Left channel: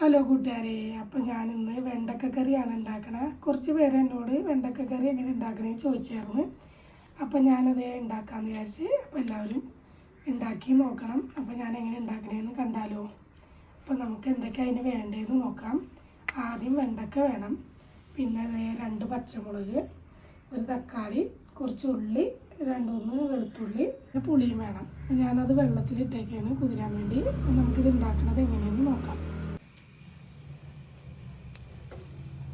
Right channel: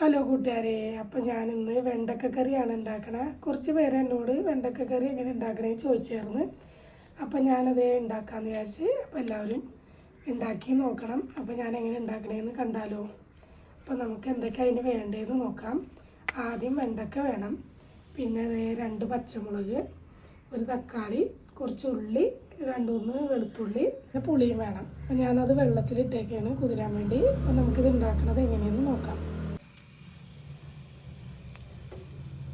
Hello കൂട്ടുകാരെ, അപ്പോൾ ഞാനിന്ന് വെണ്ടക്ക കറിയാണ് ഉണ്ടാക്കണത്. കുറച്ച് പേര് എന്നോട് വെണ്ടക്ക കറി എങ്ങനെ ഉണ്ടാക്കണേ ചോദിച്ചായിരുന്നു. അപ്പോൾ ഞാനത് ഉണ്ടാക്കാമെന്ന് വിചാരിച്ച്. അപ്പോൾ എല്ലാവരും ഉണ്ടാക്കി നോക്കണം. അപ്പോൾ ഞാൻ എങ്ങനെ ഉണ്ടാക്കണേന്ന് കണ്ടാലോ. അപ്പോൾ നമുക്ക് എന്തൊക്കെ അതിന് വേണ്ടതെന്ന് നോക്കാം. ആദ്യം വെണ്ടക്ക വേണം, പിന്നെ 2 പച്ചമുളക്, ഒരു തക്കാളി, കുറച്ച് ഉള്ളി, 2-3 വെളുത്തുള്ളി, പുളിയും വേണം. അപ്പോൾ ഞാനത് വെള്ളത്തിലിട്ടേക്കാണ് കുതിരാൻ വേണ്ടി. അപ്പോൾ നമുക്കിത് ഉണ്ടാക്കുന്നത് എങ്ങനെയെന്ന് നോക്കാം.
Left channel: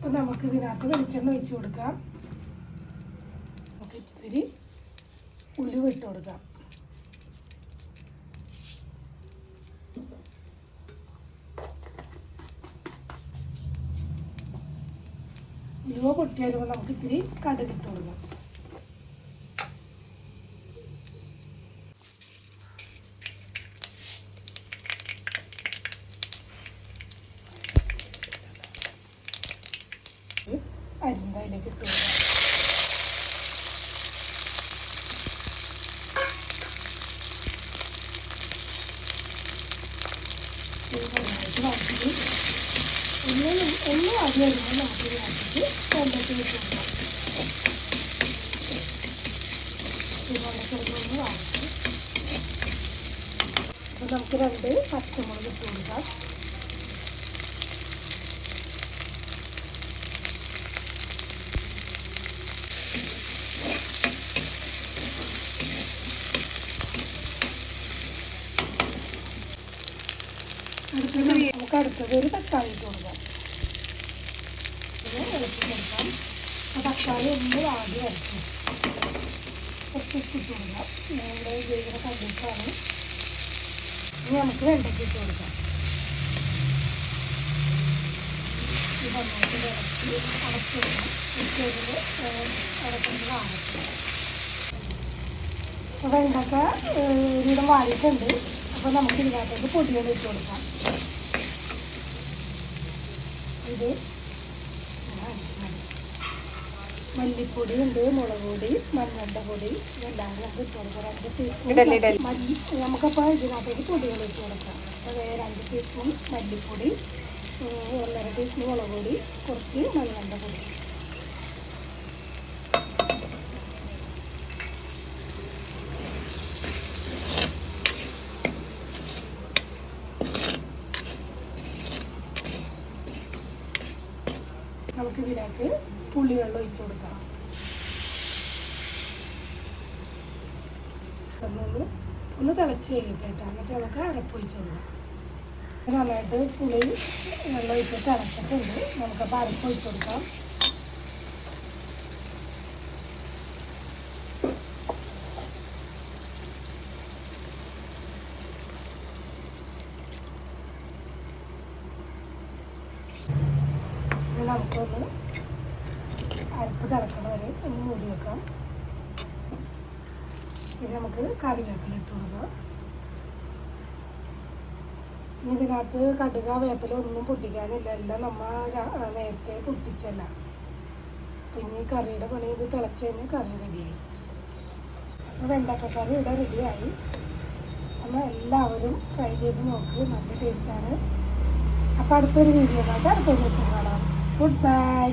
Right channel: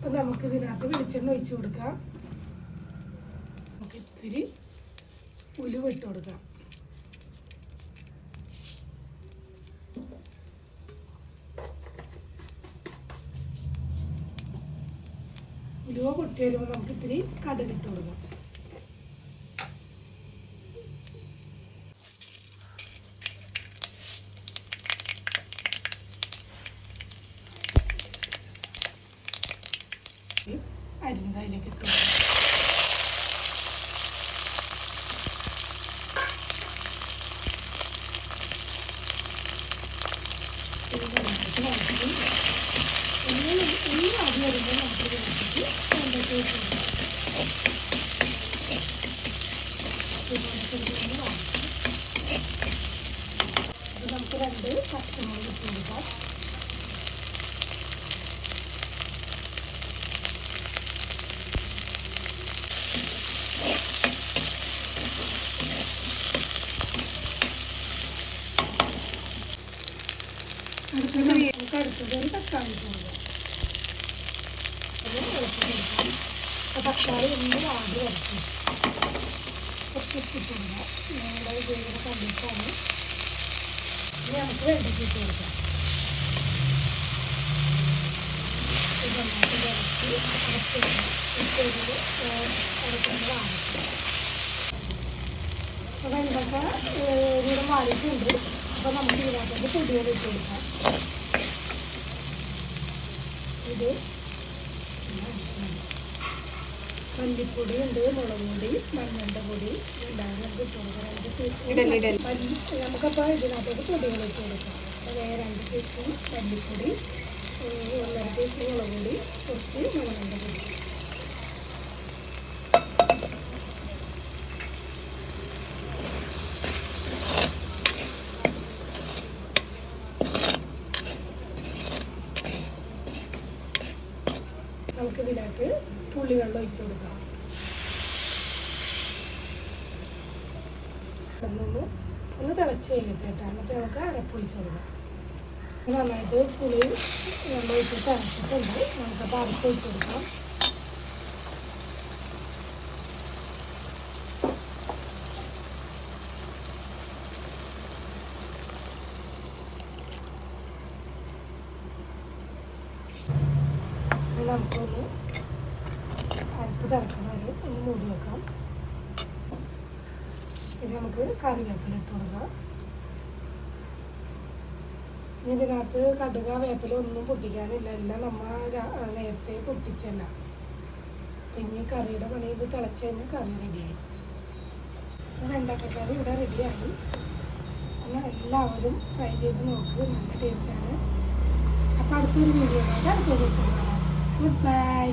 അപ്പോൾ നമുക്ക് ഇതിനകത്ത് വെളിച്ചെണ്ണ ഒഴിച്ച് കൊടുക്കാം. നമുക്ക് ഇത്തിരി ഉലുവ ഇട്ട് കൊടുക്കാം. ഉലുവ പൊട്ടി വരുമ്പോൾ നമുക്ക് ഇത്തിരി കടുക് ഇട്ട് കൊടുക്കാം. അരിന്തയിലേക്ക് ഇട്ട് കൊടുക്കാം. എല്ലാം ആദ്യം വരുമ്പോൾ നമുക്ക് ഇതിനകത്തേക്ക് വെണ്ടയ്ക്ക ഇട്ട് കൊടുക്കാം. നമുക്ക് 2 പച്ചമുളക് ഇട്ട് കൊടുക്കാം. നമുക്ക് അടുത്തത് ഒരു തക്കാളി ഇട്ട് കൊടുക്കാം. അത് ഇളക്കി കൊടുക്കാം. അപ്പോൾ തക്കാളി ഒന്ന് ആദ്യം വരയ്ക്കും. കുറച്ച് ഇട്ട് കൊടുക്കാം. ഇവിടെ ഉപയോഗിക്കുന്ന കണ്ടിട്ടാണ്. ഇനി നമുക്ക് വെണ്ടയ്ക്ക ഇട്ട് കൊടുക്കാം. വെണ്ടയ്ക്ക ഇവിടെ വാടിയിട്ടുണ്ട്. അപ്പോൾ നമുക്ക് ഇതിനകത്തേക്ക് പൊടിയൊക്കെ ഇട്ട് കൊടുക്കാം. ഇത് മല്ലിപ്പൊടി ഉണ്ട്, മുളക് പൊടി, മഞ്ഞളുടെ പൊടി, എല്ലാം നമുക്ക് ഇട്ട് കൊടുക്കാം. നമുക്കപ്പോൾ ഇതിനകത്തേക്ക് പൊടികൾ ഇട്ട് കൊടുക്കാം. 2 ടീസ്പൂൺ മല്ലിപ്പൊടി, 1 ടീസ്പൂൺ മുളക് പൊടി, കുറച്ച് മഞ്ഞളുടെ പൊടി. നമുക്ക് ഇതിനകത്ത് പുളിവെള്ളം ഒഴിച്ചു കൊടുക്കാം. ഒന്ന് തിളച്ച് കഴിഞ്ഞിട്ട് എന്നിട്ട് നമുക്ക് അരപ്പൊഴിച്ച് കൊടുക്കാം. നന്നായിട്ട് പുളി വെള്ളം ഒഴിച്ചിട്ട് അരച്ചിട്ടുണ്ട്. നമുക്കപ്പോൾ അരപ്പൊഴിച്ച് കൊടുക്കാം. നമുക്കൊന്ന് അരപ്പ് തിളക്കണ വരെ ഒന്ന് മൂടി വെക്കാം. പിന്നെ നമുക്ക് കറിവേപ്പില ഇട്ട് കൊടുക്കാം. ഇതിനകത്ത് കടുക വേപ്പില ഒന്നും പൊട്ടിക്കാനില്ല, എല്ലാം നമ്മൾ നേരത്തെ പൊട്ടിച്ചല്ല. പിന്നെ ഈ കറിയുടെ പണി ഇത് തിളച്ച് കഴിഞ്ഞാൽ കറി റെഡിയായി. വെണ്ടക്ക കറി ഇവിടെ റെഡിയായി. അപ്പോൾ എല്ലാവരും ട്രൈ ചെയ്ത് നോക്കൂ, നല്ല ടേസ്റ്റാണ്. അപ്പോൾ അടുത്തൊരു വീഡിയോ കാണാം. അടുത്ത ദിവസം കാണാം. Goodbye.